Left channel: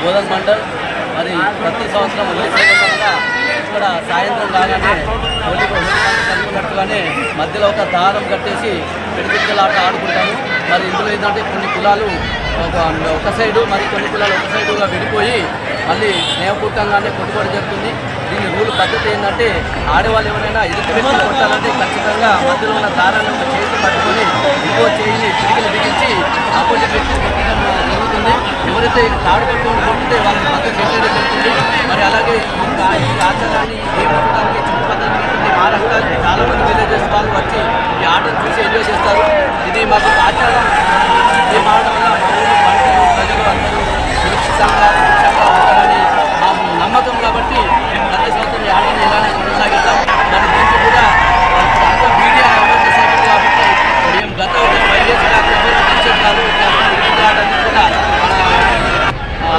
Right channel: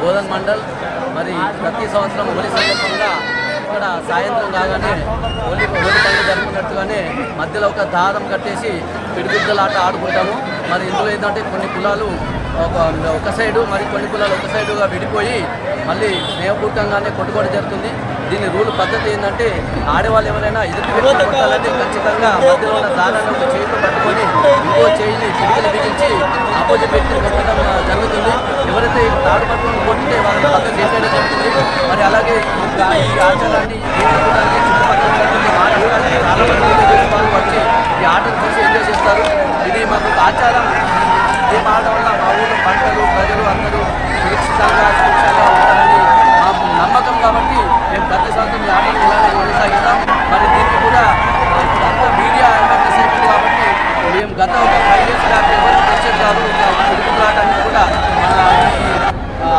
బోధన్ మండల్ మరి ప్రతి సంవత్సరం హోలీ సందర్భంగా ఇక్కడ సాయంత్రం కాగానే హోలీ హోలీ పండుగ జరుపుకున్నట్టుగానే మధ్యలో ఒక దారం కట్టేసి పిడిగుద్దలాట ఆడుకుంటాము. మరి ఇందులో ఏంటంటే కొన్ని కులాలు ఒక ఒక సైడు మరి కొన్ని కులాలు ఒక సైడుగా విడిపోయి మళ్ళీ స్నేహపూర్వకంగానే కొట్టుబడి జరుగుతుంది. దీని రూల్ పద్ధతి ఏంటంటే ఆడవాళ్ళు ఎవరైనా ఎదుటి వ్యక్తి కొట్టాలంటే ఖచ్చితంగా మధ్యలో ఉన్న దారాన్ని ఒక చేతితో పట్టుకొని ఇంకో చేయిని పిడికిలు బిగించి ఆపోజిట్ వ్యక్తి కొట్టడం జరుగుతుంది. ఎవరైతే తాడు పట్టుకొని కొట్టితే వాళ్ళని పక్కన జరుగుతుంది మరి అలాగే ఈ ఈ ఆచారాన్ని చూడడానికి చుట్టుపక్కల చాలా మంది విలేజెస్ వాళ్ళు వచ్చి ఈ ఆటను చూసి ఎంజాయ్ చేస్తారు. ఇది మాకు ఆచారం. ఈ ఆడడం వల్ల మా ఊరు పంటలు ప్రజలు అందరూ సురక్షితంగా సురక్షంగా ఉంటారని మాకు నమ్మకం కాబట్టి మేము ప్రతి సంవత్సరం ఈ ఆటను ఇలానే కొనసాగిస్తాం. మరి దీనికి కూడా ఆ, అంతా మీడియా అవేర్నెస్ అయిపోయింది కాబట్టి మేము గత ఒక ఫైవ్ ఇయర్స్ కాదు ఎవరికి తెలిసేది కాదు ఇట్లా తిరుగుతూ కూడా మన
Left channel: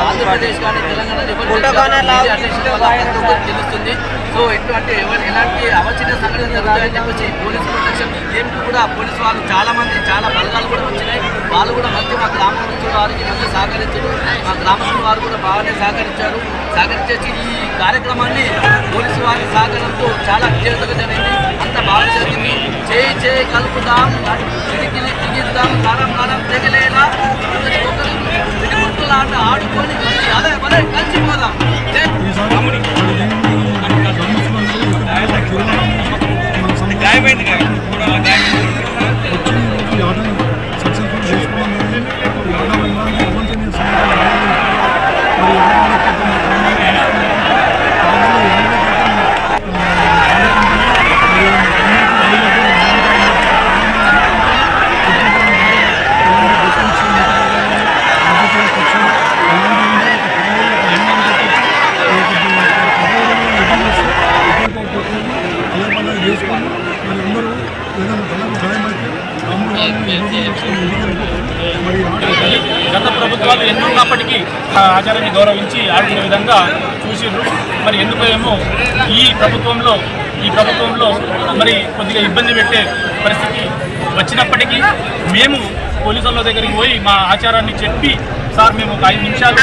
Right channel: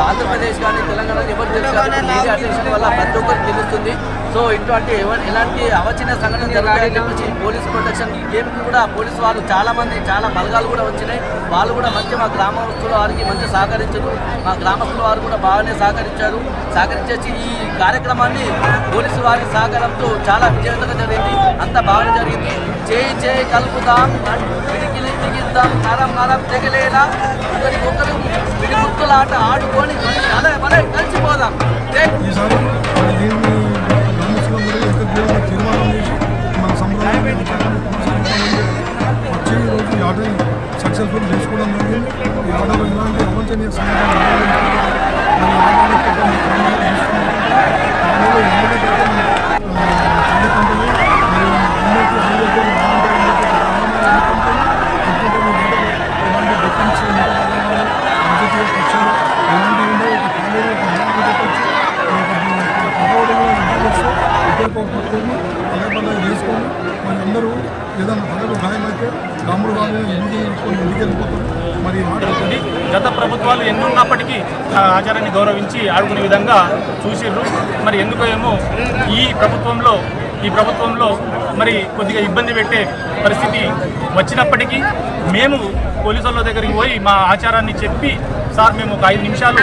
ఆంధ్రప్రదేశ్ కానీ తెలంగాణ ఎవరు తెలుసు మీడియా అటెన్షన్ వల్ల ప్రతి ఒక్కరికి తెలుస్తుంది. సో ఇటువంటి ఎవరు ఎలాంటి అవచిన సంఘటనలు జరుగుతాయని చెప్పేసి పోలీస్ ప్రొటెక్షన్ గేమ్కి కూడా పోలీస్ వాళ్ళు చాలామంది చాలా బలగాలు కూడా వచ్చినాయి. వాళ్ళు కూడా మంచి మా గ్రామస్తుల వారికి మంచి సహకరించారు. మా గ్రామస్తుల వారు కూడా బాగానే సహకరించారు. సహకరించేసి ఈ కార్యక్రమాన్ని పోలీసు వారి సహకారంతో చాలా విజయవంతంగా జరిగింది. అంత బాగా జరిగింది. చేయి చేయి కలుపుదాం. పిడికిలి తిగిద్దాం. నరం నరం తెగలేలా. ఒకరికొకరు ఒకరు ఆడుకొని మంచి అదే భలే కలిసిపోదాం. వచ్చి ఈరోజు ఈ ఆటని సక్సెస్ఫుల్ చేసుకోవడం జరిగింది ఈ ఆట ఎలాంటి అవంతనీయ సంఘటన మరి ఆట ఏదైనా తలకు గాయమైతే రాముడు మరి గత ప్రభుత్వాలు ఎన్నున్నప్పటికీ ఆచారాన్ని గౌరవించి ఆడుకునే విధంగా చూసిర్రు. మరి ఎందుకో ఏమో ఈ ప్రభుత్వంలో ఈ ప్రభుత్వంలో మరి కొద్దిగా ఇబ్బంది పెట్టే పరిస్థితి వచ్చినప్పటికీ మేము పోలీసుల దగ్గరికి పోయి మా ఆచారాన్ని చెప్పి సార్ మేము ఒక ఐదు నిమిషాలు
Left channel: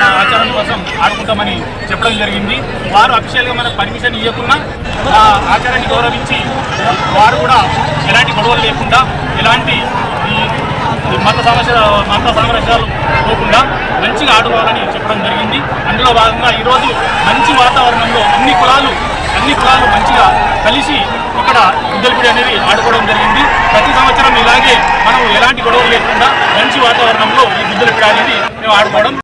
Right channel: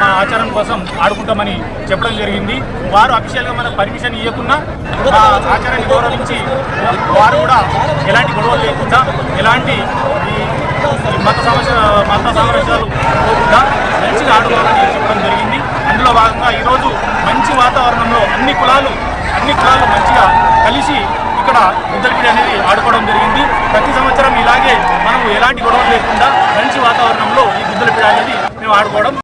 మా ఆచారం కోసం ఆడుకుంటామని చెప్పడం జరిగింది. వారు అఫీషియల్గా మనకు పర్మిషన్ ఇవ్వకుండా మా ఆచారాన్ని గౌరవించి వారు కూడా ఎలాంటి గొడవలు లేకుండా ఎలాంటి ఈ మత సమస్య మత సామరస్యాలు పోకుండా మంచిగా ఆడుకోవాలని చెప్పడం జరిగింది. అందులో భాగంగా ఈరోజు మంచి వాతావరణంలో అన్ని కులాలు అన్ని కులాలు మంచిగా కలిసి ఇక్కడ గుద్దలపిడి అనేది ఆడుకోవడం జరిగింది. ప్రతి సంవత్సరం ఇలాగే మనం ఎలాంటి గొడవలు లేకుండా మంచి వాతావరణంలో ఈ గుద్దలపిడి అనేది మేము ఆడుకోవడం